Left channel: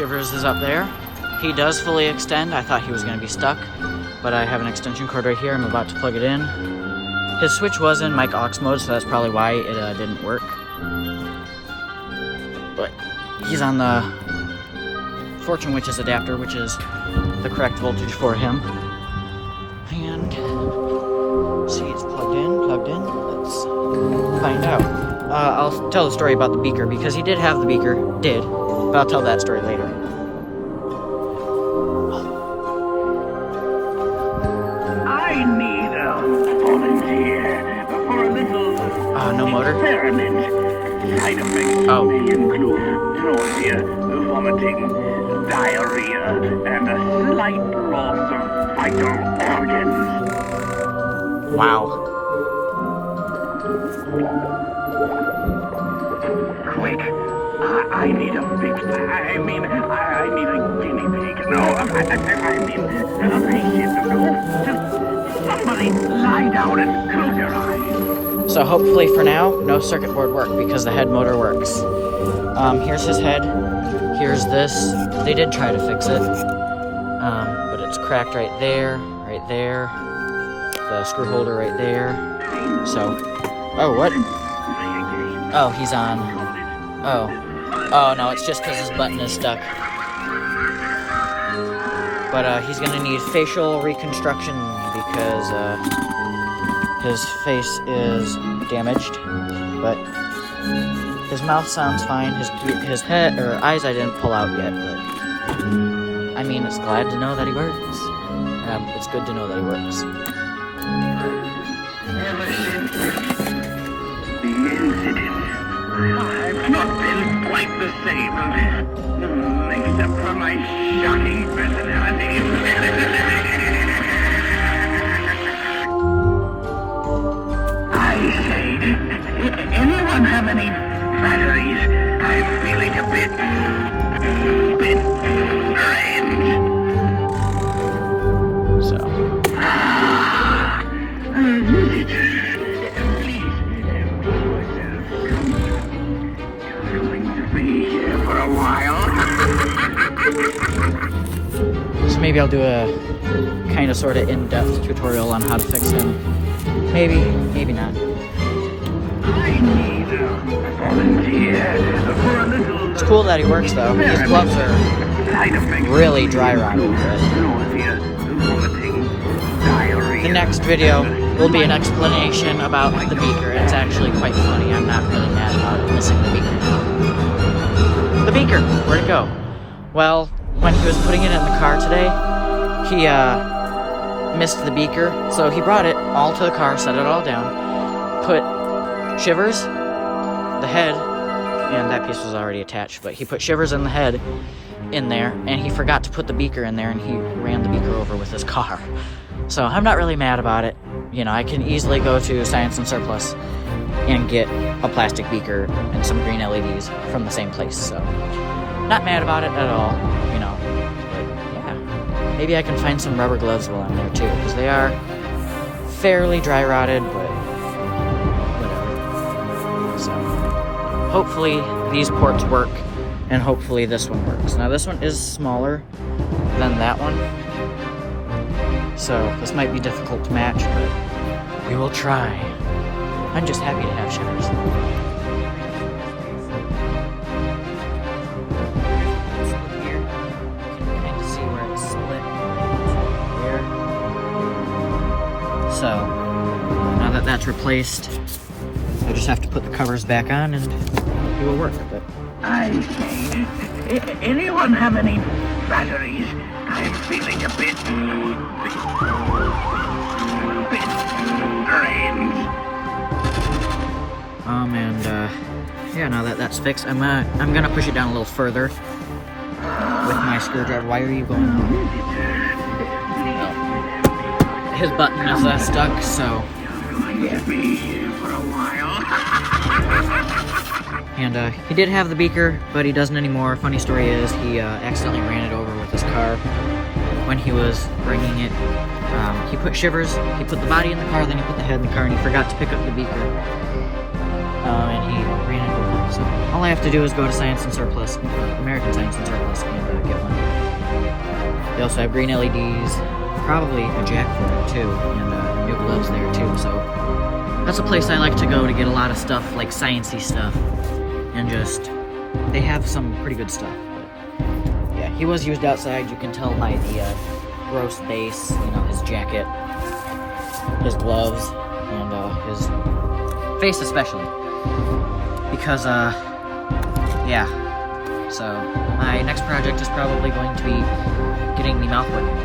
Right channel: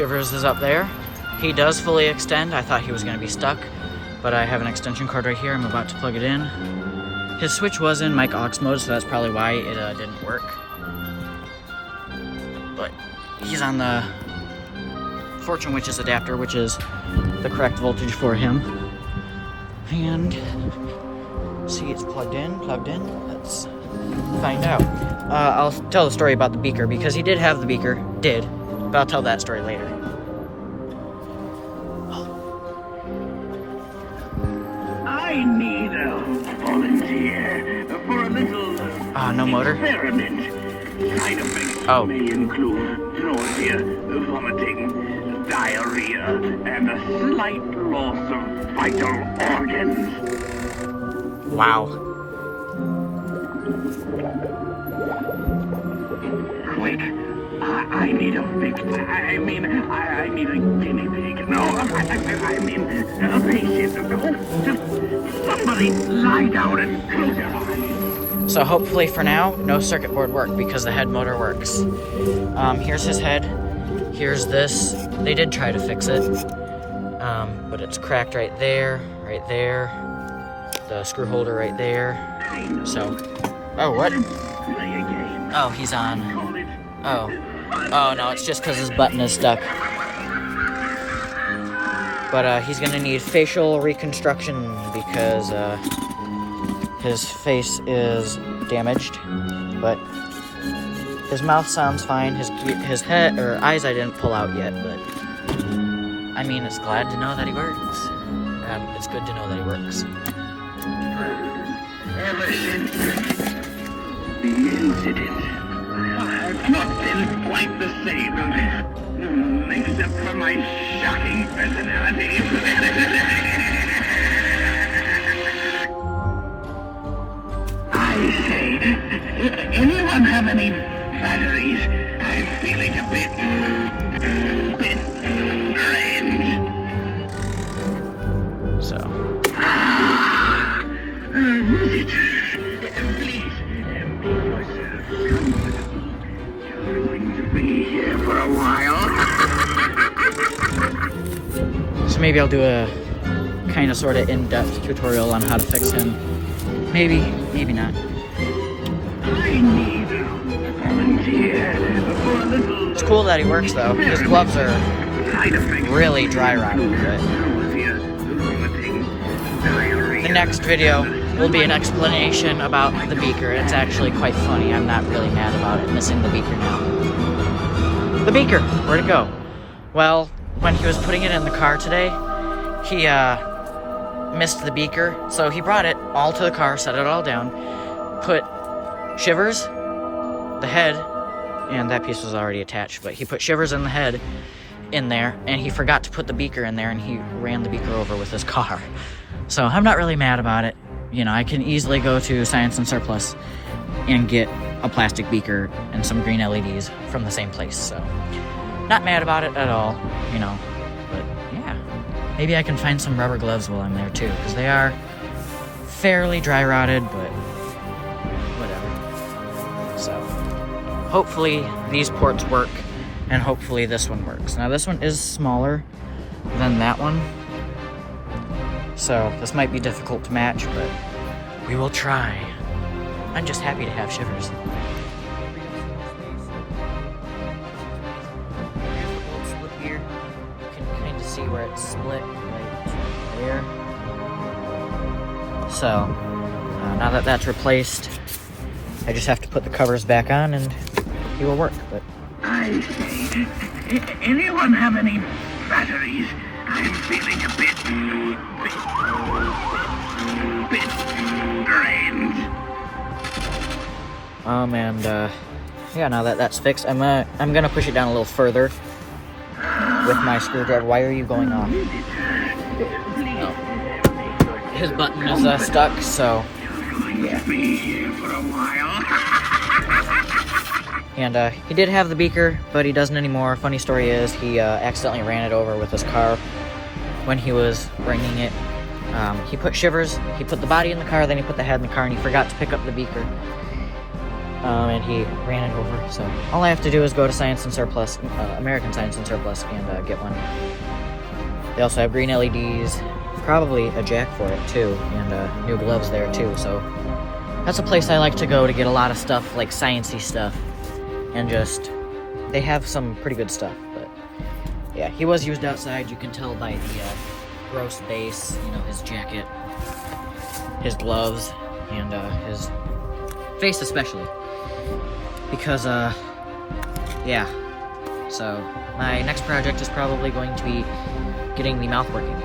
Shivers is up there. He does fully extend. I thought he was going to be stuck, but I have an extension cord right here. I'm about to plug it in. His switch was in mic aux mode, so that's probably why it didn't work. But he's on the Fortune Witches adapter, which is the correct voltage for him. And see, it's plugged in. Let's find out. I'll tell the story about the beaker, because he did have the beaker, but I'll tell that story later. I need a volunteer for a little No motor? experiment. Side effects may include nausea, vomiting, diarrhea, and a slight loss of vital organs. Wow. Quick, I need a fix. I mean a guinea pig. No, I mean a patient. Just somebody lie down and close your eyes. So hopefully for now, no circuit board worked because the head motor works. Here's his head. Here's this. They did try to fix it, but it's cracked right there, the screw holder right there. So, oh, what? Oh, he's on. Oh no, it's just because his button is stuck. But he's gonna need facial reconstruction because his face is damaged, but his mouth sounds fine. His head or eyes I didn't pull out yet, but I mean, it's glad to know that he works. It's good to know that he works. Ever since the incident, I've not been quite the same, except for my shocking personality. I say, anyone have any batteries? I'm feeling a bit drained. So. Please, you're going to be here for a while. So maybe I'll do a kind of sort of in-depth tutorial on how to fix him. Maybe not. It's cool that he works though. His gloves are really dry rotted. The next video will be an explanation about the beaker. It's actually quite funny. I'm not really mad about it, missing the beaker now. The beaker, where'd it go? Well, when he was putting it in the car today, he missed the beaker, so he brought it all to the car, set it all down, put Shivers, the head, and that piece was already attached, but he put Shivers in the head in there, and he forgot to put the beaker in there, and he ran the beaker over with his car. So I'm not really mad about it. You know, I can easily go to Science and Surplus and get a plastic beaker and some green LEDs from the same place, so not mad about it at all, you know. But yeah, maybe I can find some rubber gloves while I'm there too, because they are fairly dry rotted, but whatever. So hopefully these ports work, and hopefully this one works. Now this one is smaller than that one, so this might be difficult to match, but we will try. I'm just happy to have Shivers. So, now that that's replaced, I just have to put the covers back on and it will work. But I say, anyone have any batteries? I'm feeling a bit drained. and yeah, now that that's fixed, I'm gonna push it down a little further with my screwdriver. Why are you going on? His button is stuck, so yeah. And he did have the beaker, but he doesn't anymore. Funny story is, he accidentally ran it over with his car when he was bringing it. He put Shivers, he put the body in the car, then he put the head in the car, and he forgot to pick up the beaker. And he ran it over. So So all I have to do is go to Science and Surplus, American Science and Surplus, and get one. We also have green LEDs, probably a jack for it too, and new gloves there too. So that's a place I like to go to get a lot of stuff, like sciencey stuff, and just, they have some pretty good stuff. But yeah, he was used outside. You can tell by the gross base, you know, his jacket, his gloves, and his face especially. Because, yeah. So, my next project is probably going to be getting the mouth working.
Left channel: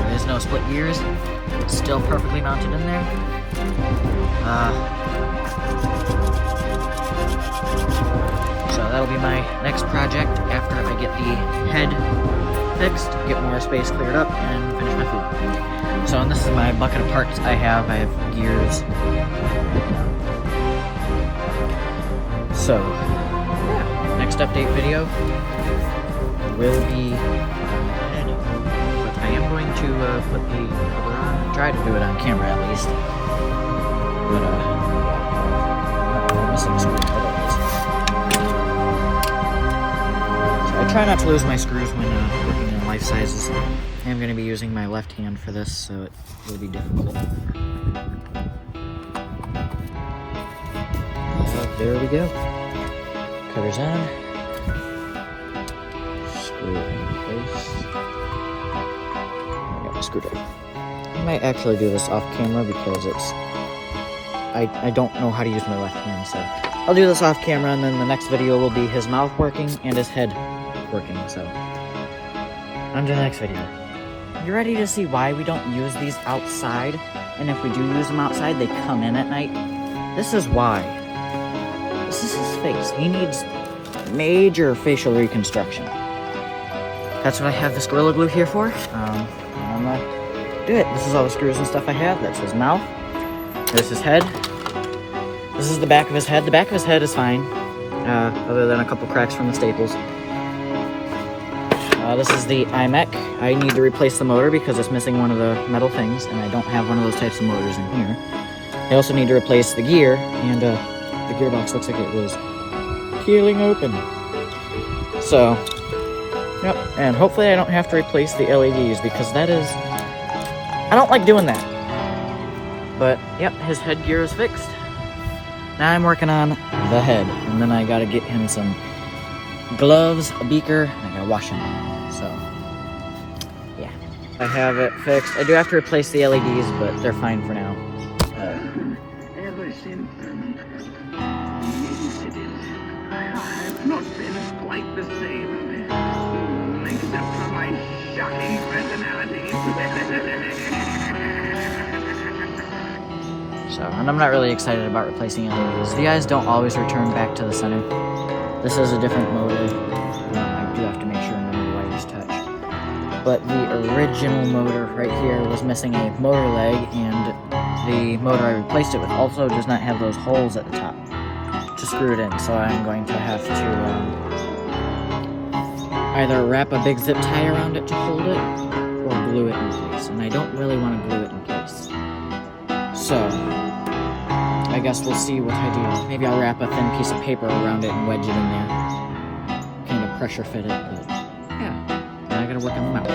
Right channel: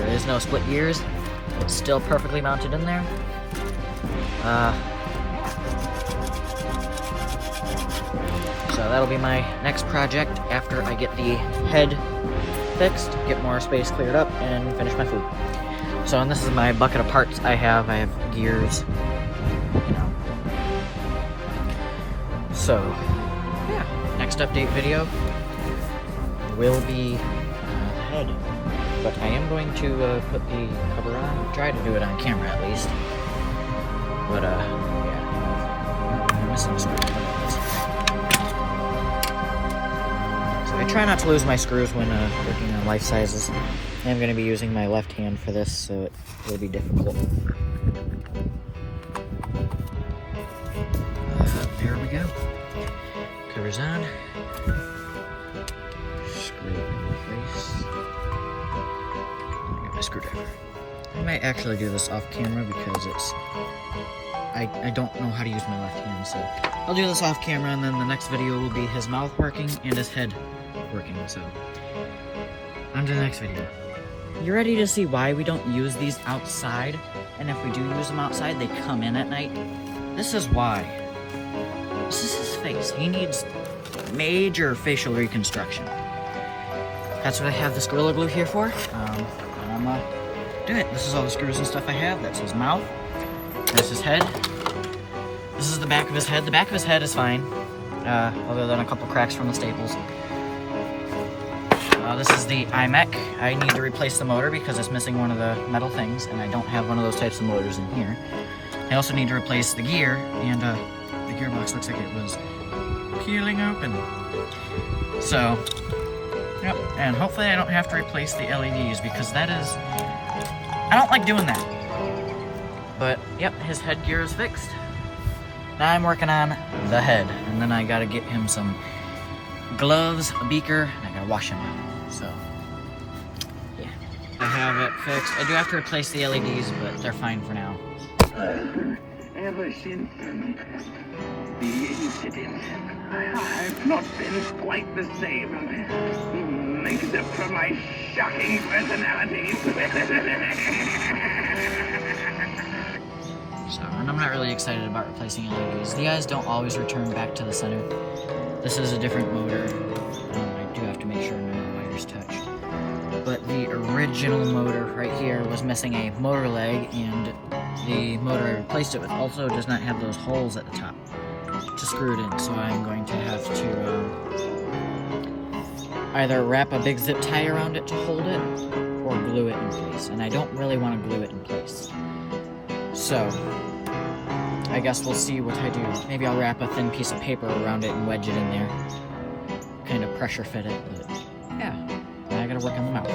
There is no split gears. It's still perfectly mounted in there. So that'll be my next project after I get the head fixed, get more space cleared up, and finish my food. So, and this is my bucket of parts I have. I have gears. So, next update video will be head. But I am going to put the cover on, try to do it on camera at least. But, I'm missing something. So I try not to lose my screws when working on life sizes. I'm going to be using my left hand for this, so it will be difficult. There we go. Covers on. Screw it in place. I got my screwdriver. I might actually do this off camera because it's... I don't know how to use my left hand, so I'll do this off camera, and then the next video will be his mouth working and his head working, so on to the next video. You ready to see why we don't use these outside? And if we do use them outside, they come in at night? This is why. This is his face. He needs major facial reconstruction. That's what I have this Gorilla Glue here for. I'm gonna do it. This is all the screws and stuff I have. That's his mouth. There's his head. This is the back of his head. The back of his head is fine, other than a couple cracks from the staples. This is the iMech. I need to replace the motor because it's missing one of the metal things, and I don't have one of those types of motors in here. I also need to replace the gear, and the gearbox looks like it was peeling open. So, yep, and hopefully I don't have to replace the LEDs because that is... I don't like doing that. But, yep, his headgear is fixed. Now I'm working on the head, and then I gotta get him some gloves, a beaker, and a washing. So, yeah. I have it fixed. I do have to replace the LEDs, but they're fine for now. Ever since the incident, I've not been quite the same. Except for my shocking personality. So, and I'm not really excited about replacing LEDs. The eyes don't always return back to the center. This is a different motor. I do have to make sure none of the wires touch. But the original motor right here was missing a motor leg, and the motor I replaced it with also does not have those holes at the top to screw it in. So I'm going to have to either wrap a big zip tie around it to hold it, or glue it in place. And I don't really want to glue it in place. So, I guess we'll see what I do. Maybe I'll wrap a thin piece of paper around it and wedge it in there. Kind of pressure fit it, but yeah. Now I gotta work on the mouth.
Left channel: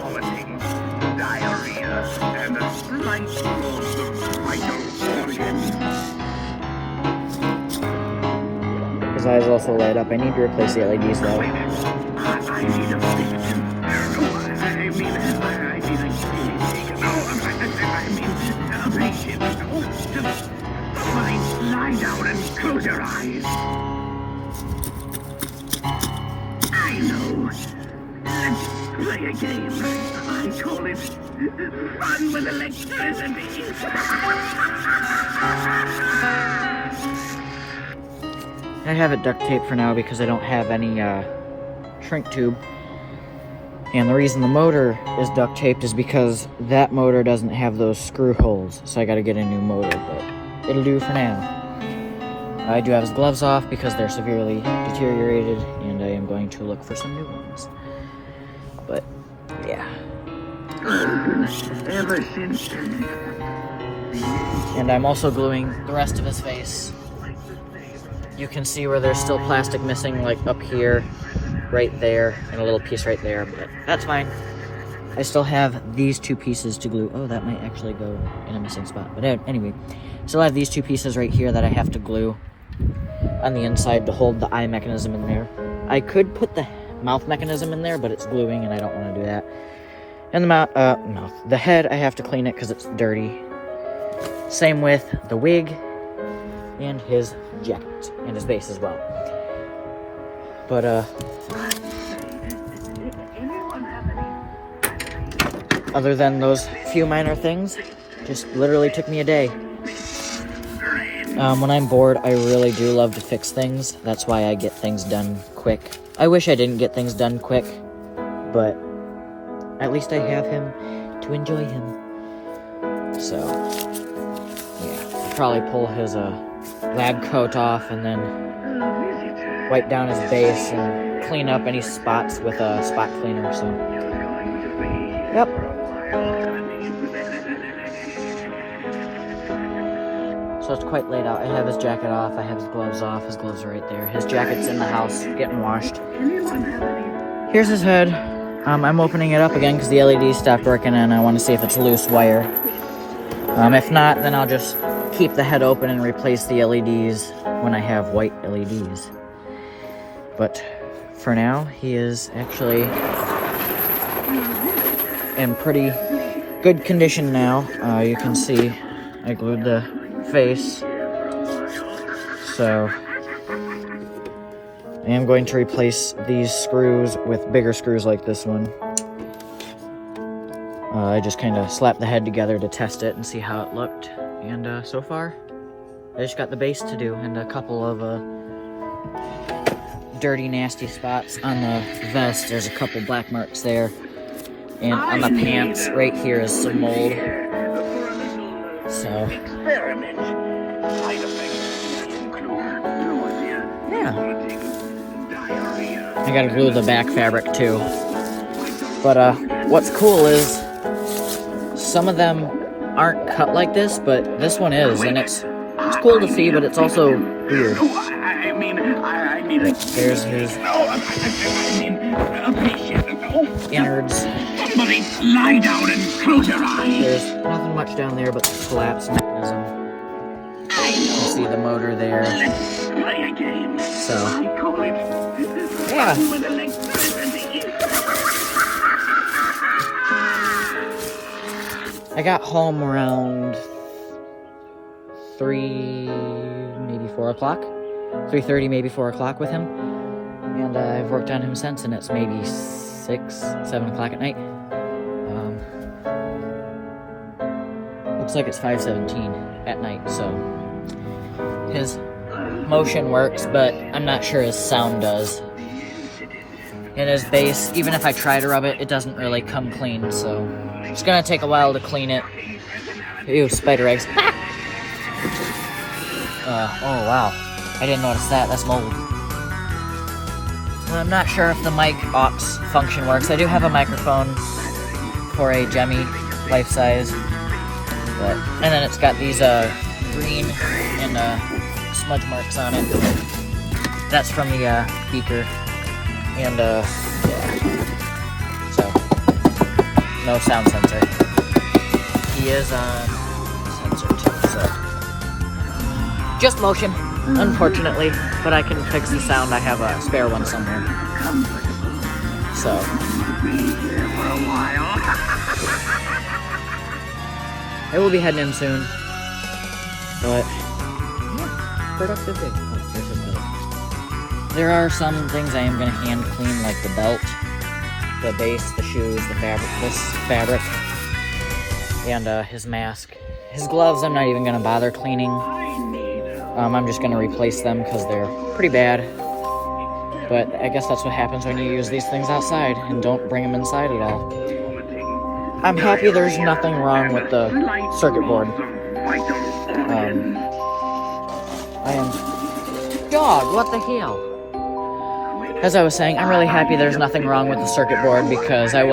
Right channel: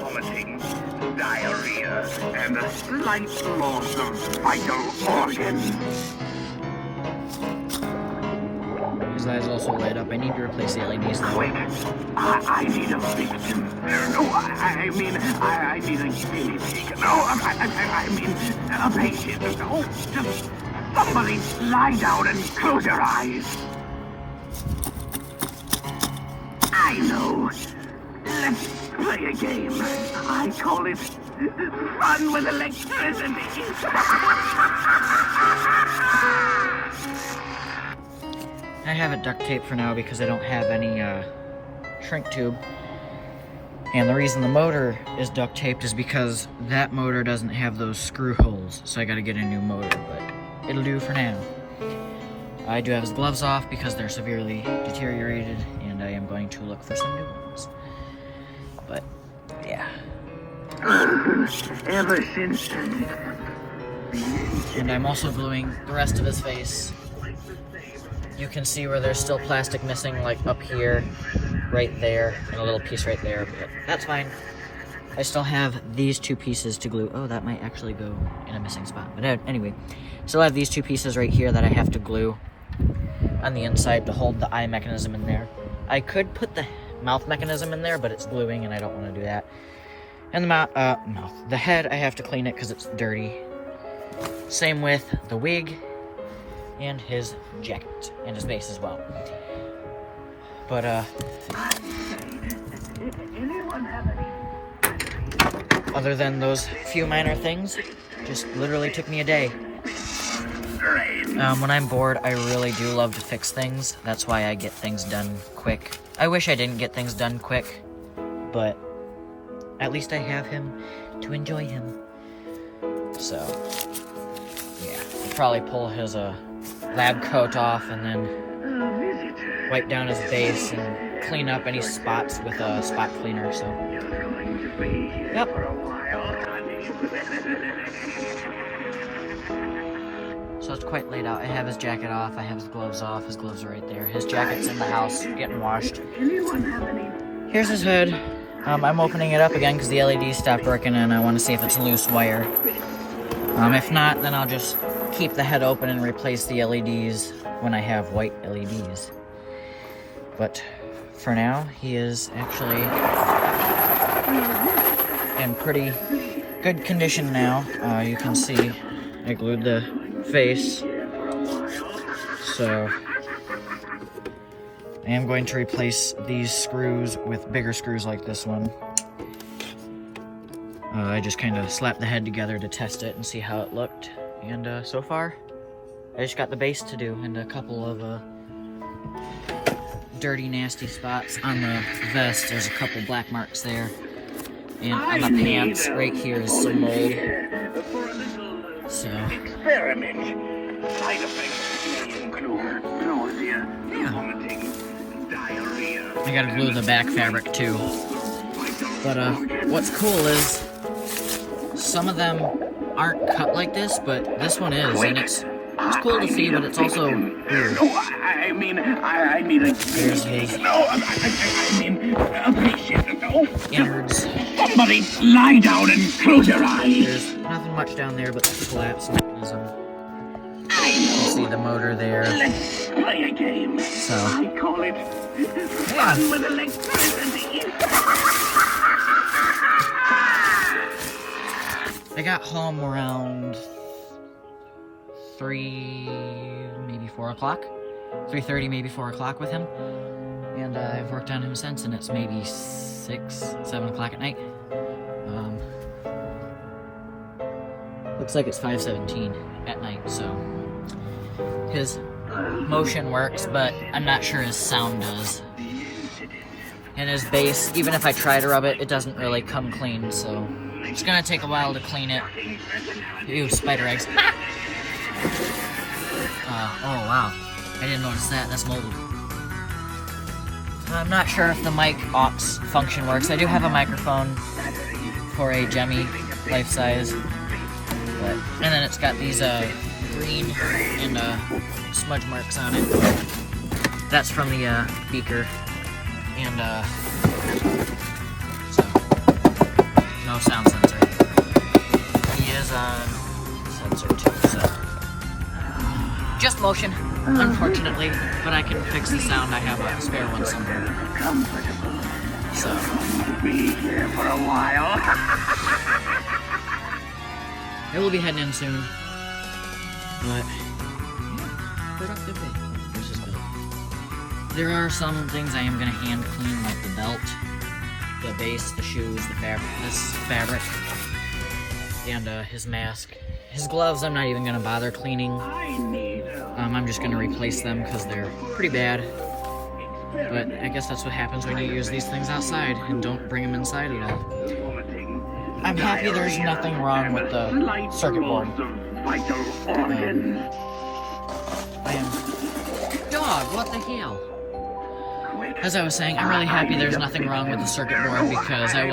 Vomiting, diarrhea, and a slight loss of vital organs. His eyes also light up. I need to replace the LEDs though. Wait, I need a victim. No, I mean a guinea pig. No, I mean a patient. No, just somebody lie down and close your eyes. I know. Let's play a game. I call it Fun with Electricity. I have it duct taped for now because I don't have any shrink tube. And the reason the motor is duct taped is because that motor doesn't have those screw holes. So I gotta get a new motor, but it'll do for now. I do have his gloves off because they're severely deteriorated, and I am going to look for some new ones. But, yeah. Ever since... And I'm also gluing the rest of his face You can see where there's still plastic missing, like up here, right there, and a little piece right there, but that's fine. I still have these 2 pieces to glue. Oh, that might actually go in a missing spot. But anyway, still have these 2 pieces right here that I have to glue on the inside to hold the eye mechanism in there. I could put the mouth mechanism in there, but it's gluing and I don't want to do that. And the mouth, no, the head, I have to clean it because it's dirty. Same with the wig and his jacket and his base as well. But, other than those few minor things, just literally took me a day. When I'm bored, I really do love to fix things. That's why I get things done quick. I wish I didn't get things done quick, but at least I have him to enjoy him. So, yeah, I'll probably pull his lab coat off and then wipe down his base and clean up any spots with a spot cleaner. So, yep. So it's quite late out. I have his jacket off, I have his gloves off, his gloves are right there. His jacket's in the house, getting washed. Here's his head. I'm opening it up again because the LED stopped working and I want to see if it's loose wire. If not, then I'll just keep the head open and replace the LEDs when I have white LEDs. But for now, he is actually in pretty good condition now. You can see I glued the face, so I am going to replace these screws with bigger screws like this one. I just kind of slapped the head together to test it and see how it looked, and so far I just got the base to do and a couple of dirty nasty spots on the vest. There's a couple black marks there, and on the pants right here is some mold. So, yeah. I gotta glue the back fabric too. But what's cool is some of them aren't cut like this, but this one is, and it's cool to see, but it's also weird. There's his innards. Somebody lie down and close your eyes. There's nothing much down there but the collapse mechanism. You can see the motor there. Let's play a game. So, I call it fun with electricity. I got home around 3, maybe 4 o'clock. 3:30, maybe 4 o'clock with him. And I've worked on him since, and it's maybe 6, 7 o'clock at night. Looks like it's 5:17 at night, so his motion works, but I'm not sure his sound does. And his base, even if I try to rub it, it doesn't really come clean, so it's gonna take a while to clean it. Ew, spider eggs. Oh wow, I didn't notice that, that's mold. I'm not sure if the mic aux function works. I do have a microphone for a Gemmy lifesize, and then it's got these green and smudge marks on it. That's from the beaker, and so no sound sensor. He is sensor too, so just motion, unfortunately, but I can fix the sound. I have a spare one somewhere. So, Be here for a while. I will be heading in soon. But, productive day. There's his belt. There are some things I am going to hand clean, like the belt, the base, the shoes, the fabric, this fabric, and his mask. His gloves I'm not even going to bother cleaning. I'm just going to replace them because they're pretty bad. But I guess that's what happens when you use these things outside and don't bring them inside at all. I'm happy there's nothing wrong with the circuit board. Dog, what the hell? As I was saying, I'm really happy there's nothing wrong with the circuit board because I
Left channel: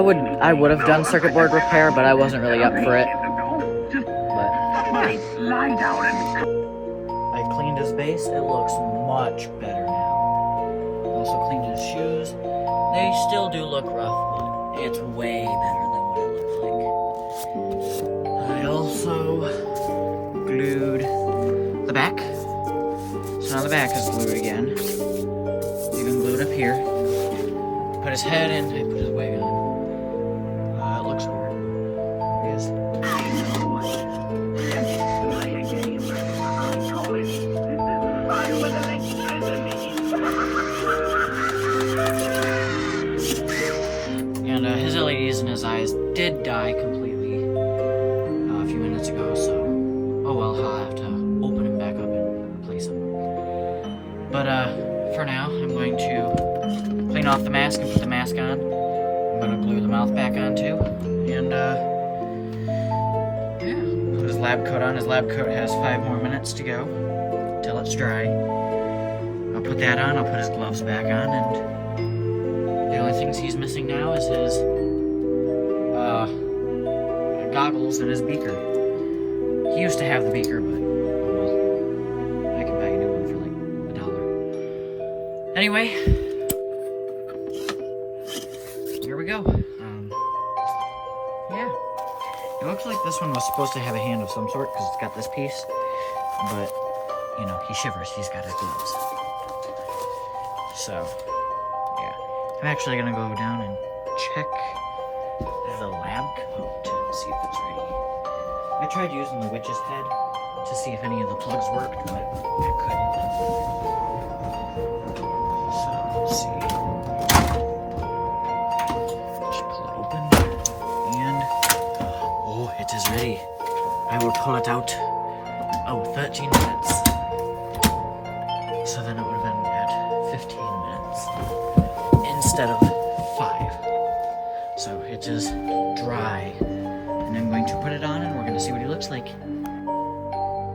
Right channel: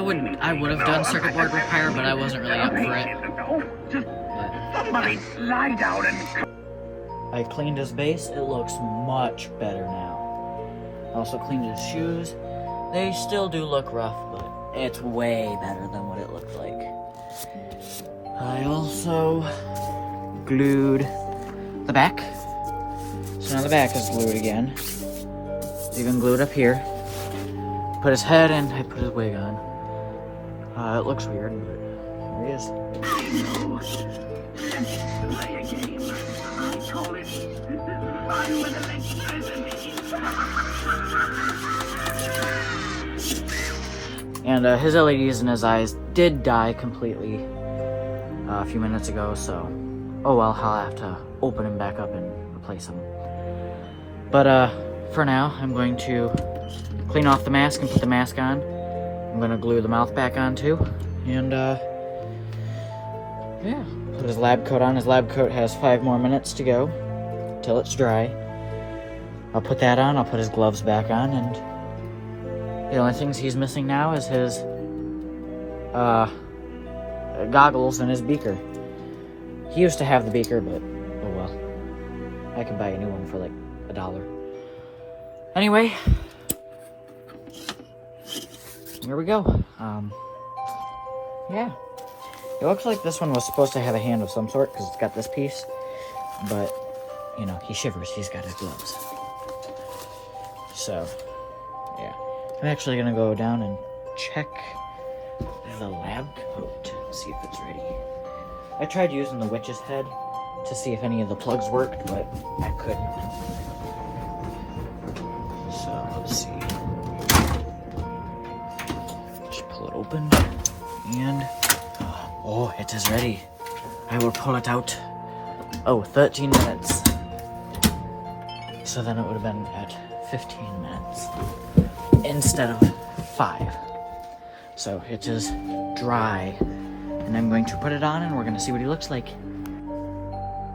would have done circuit board repair, but I wasn't really up for it. But I cleaned his base. It looks much better now. I also cleaned his shoes. They still do look rough, but it's way better than what it looked like. I also glued the back. So now the back is glued again. Even glued up here. Put his head in, I put his wig on. It looks weird. There he is. And his LEDs in his eyes did die completely a few minutes ago, so oh well, I'll have to open him back up and replace him. But for now, I'm going to clean off the mask and put the mask on. I'm going to glue the mouth back on too, and yeah, put his lab coat on. His lab coat has 5 more minutes to go till it's dry. I'll put that on, I'll put his gloves back on, and the only things he's missing now is his goggles and his beaker. He used to have the beaker, but oh well. I can buy a new one for like $1. Anyway, here we go. Yeah. It looks like this one was supposed to have a hand of some sort because it's got this piece, but you know, he shivers, he's got his gloves. So, yeah. I'm actually gonna go down and check the lab coat to see if it's ready. I tried using the witch's head to see if any of the plugs worked, but I couldn't. So, let's see. Just pull it open, and oh, it is ready. I will pull it out. Oh, 13 minutes. So then it would have been at 15 minutes instead of 5. So it is dry, and I'm going to put it on and we're going to see what he looks like.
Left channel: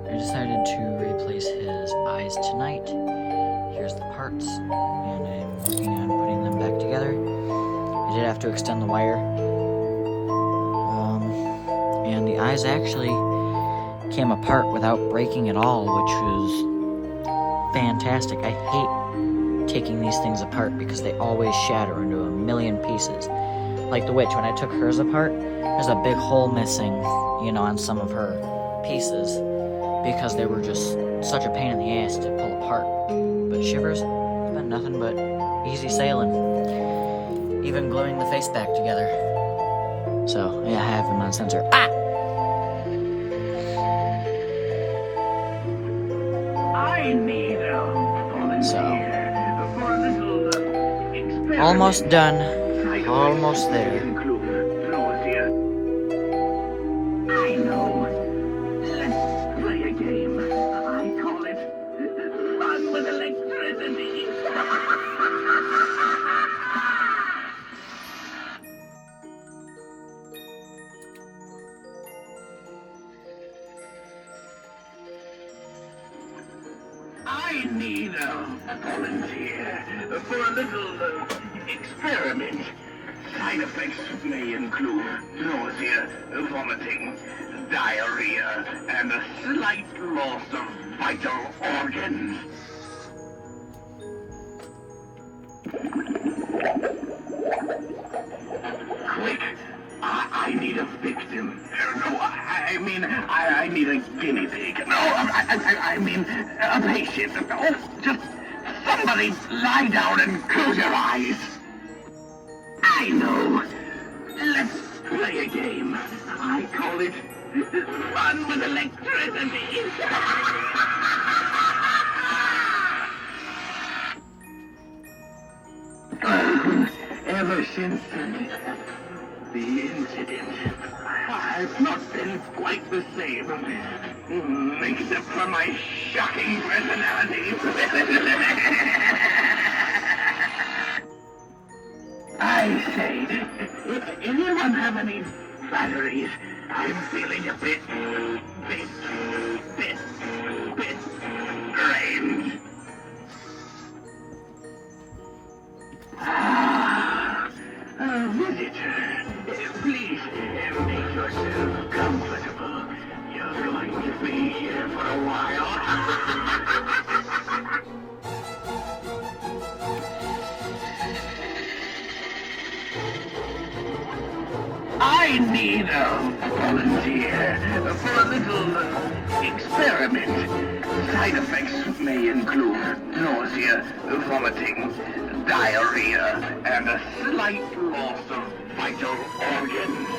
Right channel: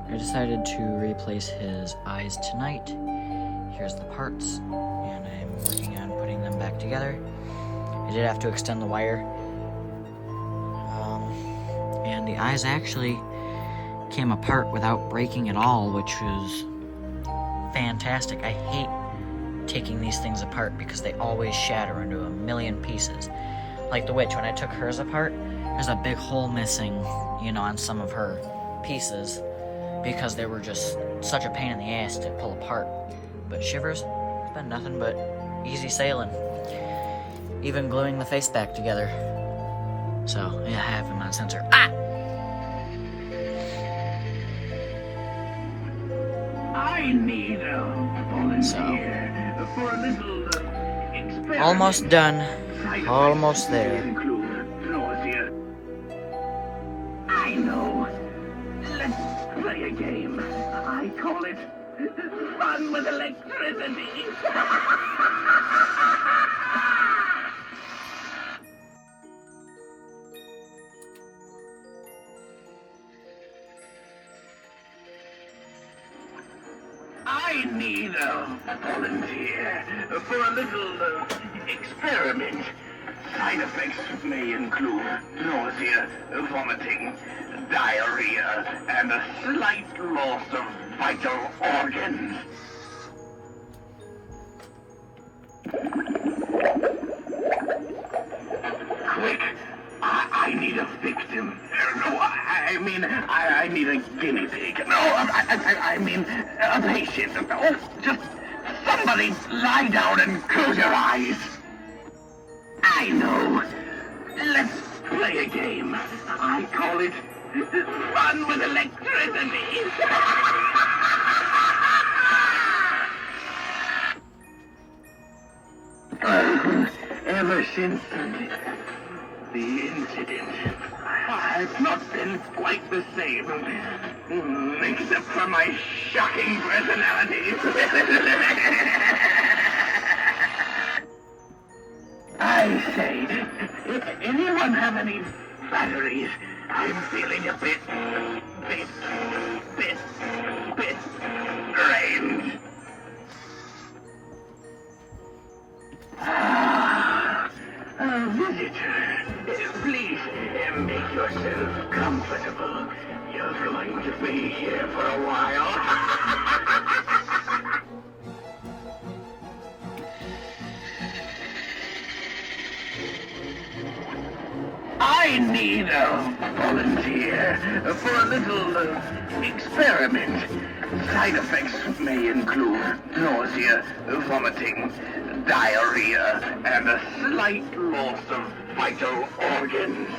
I decided to replace his eyes tonight. Here's the parts, and I'm working on putting them back together. I did have to extend the wire. And the eyes actually came apart without breaking at all, which was fantastic. I hate taking these things apart because they always shatter into a million pieces. Like the witch, when I took hers apart, there's a big hole missing, you know, on some of her pieces because they were just such a pain in the ass to pull apart. But Shivers, it's been nothing but easy sailing. Even gluing the face back together. So, yeah, I have him on sensor. Ah! I need a volunteer for a little experiment. Almost done. Almost there. I know. Let's play a game. I call it fun with electricity. I need a volunteer for a little experiment. Side effects may include nausea, vomiting, diarrhea, and a slight loss of vital organs. Quick! I need a victim. No, I need a guinea pig. No, I mean a patient. Oh, just somebody lie down and close your eyes. I know. Let's play a game. I call it fun with electricity. Ever since the incident, I've not been quite the same, except for my shocking personality. I say, anyone have any batteries? I'm feeling a bit drained. Visitor, please make yourself comfortable. You're going to be here for a while. I need a volunteer for a little experiment. Side effects may include nausea, vomiting, diarrhea, and a slight loss of vital organs.